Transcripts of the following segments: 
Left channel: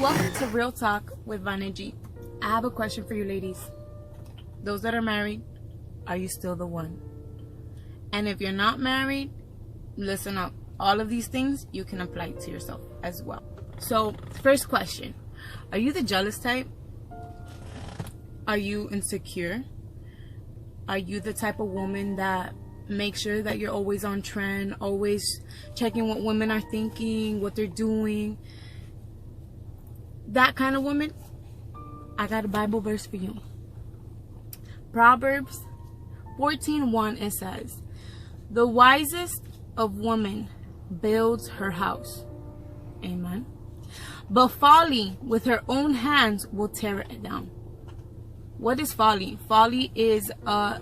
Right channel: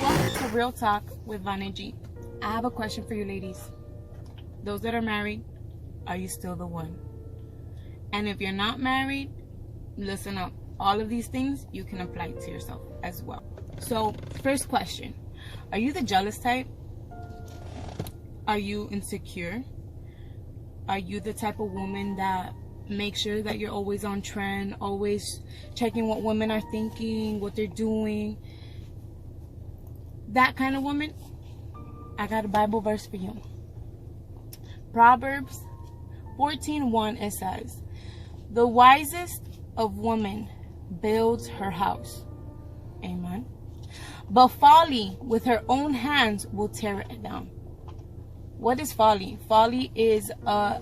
Welcome to Real Talk with Vana G. I have a question for you ladies. Those that are married, are you still the one? And if you're not married, listen up. All of these things you can apply to yourself as well. So, first question. Are you the jealous type? Are you insecure? Are you the type of woman that makes sure that you're always on trend, always checking what women are thinking, what they're doing? That kind of woman, I got a Bible verse for you. Proverbs 14:1, it says, "The wisest of women builds her house." Amen. "But folly with her own hands will tear it down." What is folly? Folly is a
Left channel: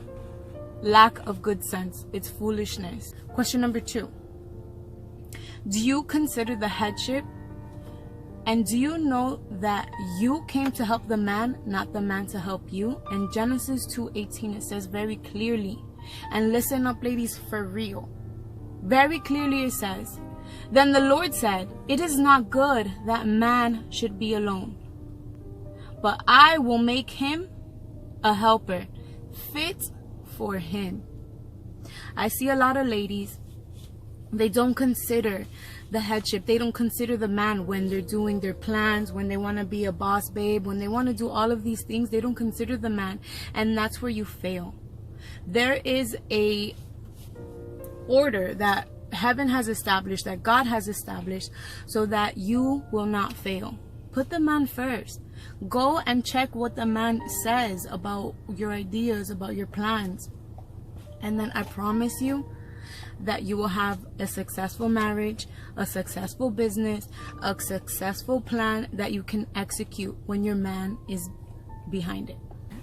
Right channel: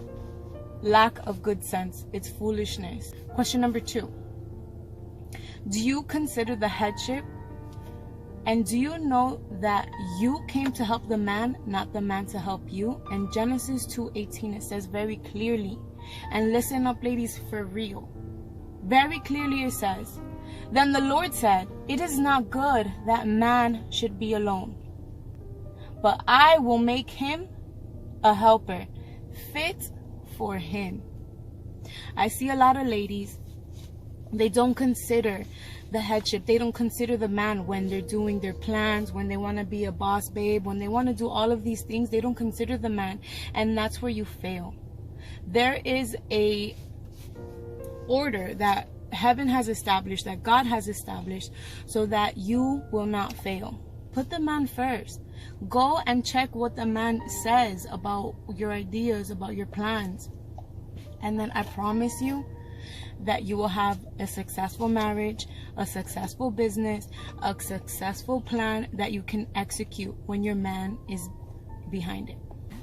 lack of good sense. It's foolishness. Question number 2. Do you consider the headship? And do you know that you came to help the man, not the man to help you? In Genesis 2:18, it says very clearly, and listen up ladies, for real. Very clearly it says, "Then the Lord said, it is not good that man should be alone. But I will make him a helper fit for him." I see a lot of ladies, they don't consider the headship. They don't consider the man when they're doing their plans, when they want to be a boss babe, when they want to do all of these things. They don't consider the man, and that's where you fail. There is a order that heaven has established, that God has established, so that you will not fail. Put the man first. Go and check what the man says about your ideas, about your plans, and then I promise you that you will have a successful marriage, a successful business, a successful plan that you can execute when your man is behind it.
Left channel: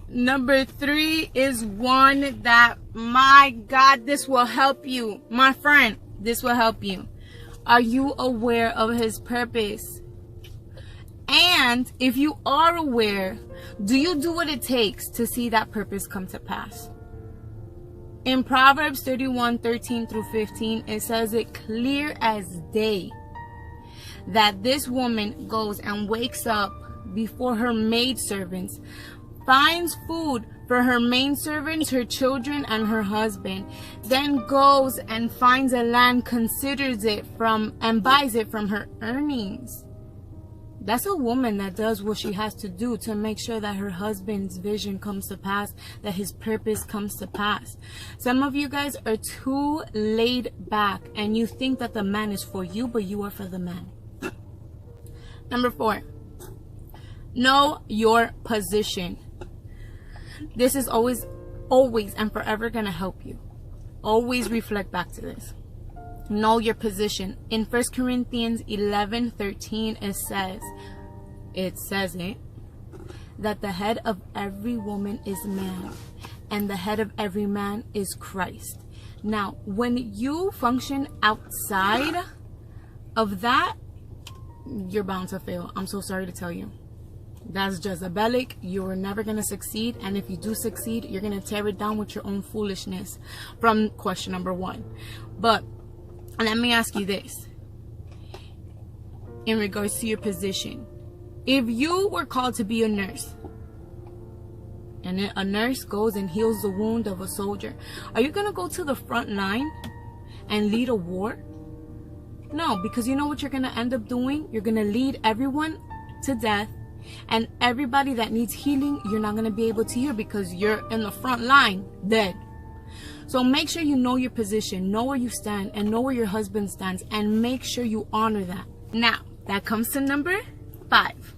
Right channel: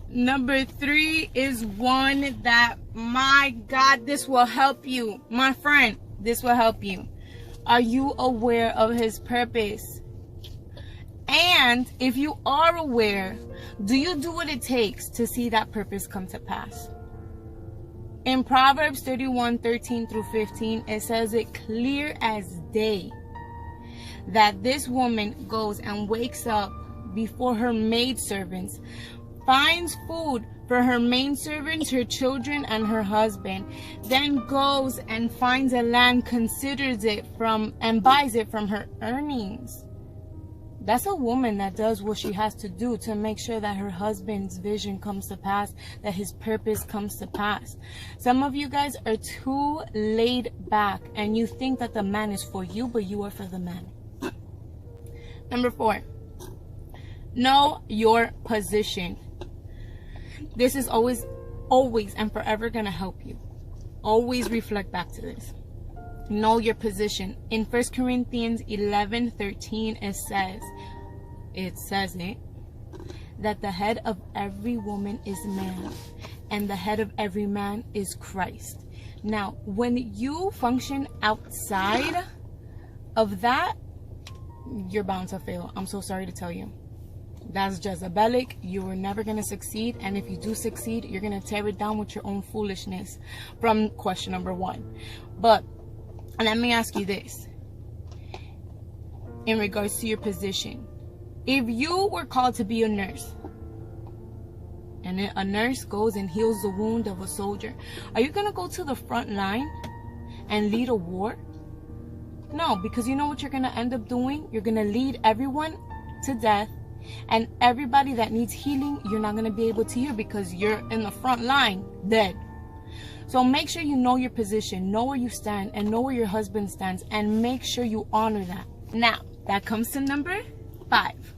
Number 3 is one that, my God, this will help you. My friend, this will help you. Are you aware of his purpose? And if you are aware, do you do what it takes to see that purpose come to pass? In Proverbs 31:13 through 15, it says it clear as day that this woman goes and wakes up before her maidservants, finds food for her maidservants, her children, and her husband, then goes and finds a land, considers it and buys it from her earnings. That's a woman that does what she has to do to make sure that her husband's vision comes to pass, that his purpose comes to pass. Some of you guys are too laid back and you think that the man is for you, but you are for the man. Number 4, know your position. This is always and forever going to help you. Always reflect back to this. Know your position. In 1 Corinthians 11:13, it says that the head of every woman is man, and the head of every man is Christ. Now, when you function outside of that, you're bound to fail. I'm so sorry to tell you. That's Jezebelic. You're never going to succeed. And if you do succeed, you're going to tear it down with your own foolishness from question number 1. But let me ask you this. In regards to your position, if you were called to be a nurse, and a nurse goes and heals the wound of a soldier, are you going to go to the front line and lead a war? No, because you know what you're going to end up doing? You're going to lead everyone to death, and everybody that needs healing, you're not going to be able to heal because you're in the front line dead. So make sure you know your position, know where you stand, and know where your husband stands, and make sure you honor that. Now, that comes to number 5.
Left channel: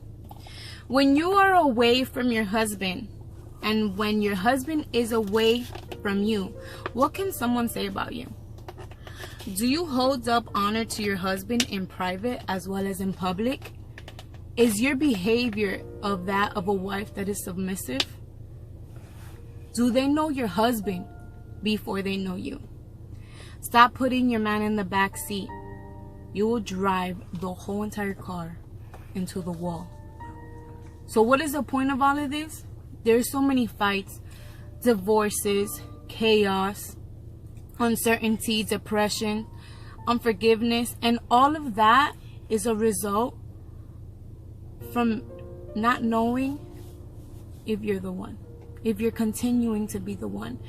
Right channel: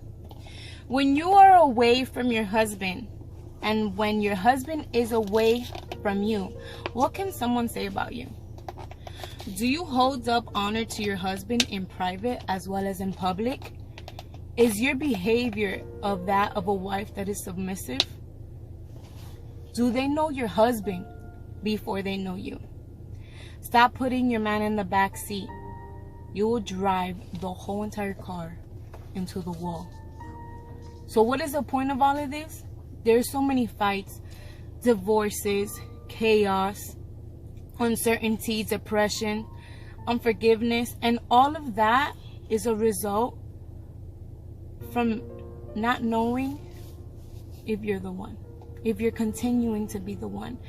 When you are away from your husband, and when your husband is away from you, what can someone say about you? Do you hold up honor to your husband in private as well as in public? Is your behavior of that of a wife that is submissive? Do they know your husband before they know you? Stop putting your man in the back seat. You will drive the whole entire car into the wall. So what is the point of all of this? There's so many fights, divorces, chaos, uncertainty, depression, unforgiveness, and all of that is a result from not knowing if you're the one, if you're continuing to be the one.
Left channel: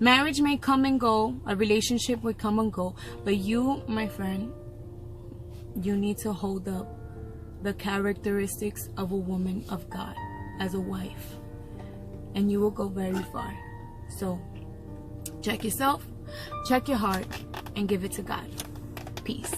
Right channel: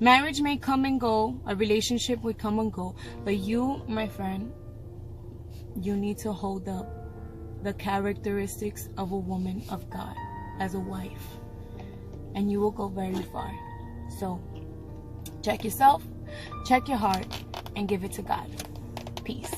Marriage may come and go, a relationship would come and go, but you, my friend, you need to hold up the characteristics of a woman of God as a wife, and you will go very far. So check yourself, check your heart, and give it to God. Peace.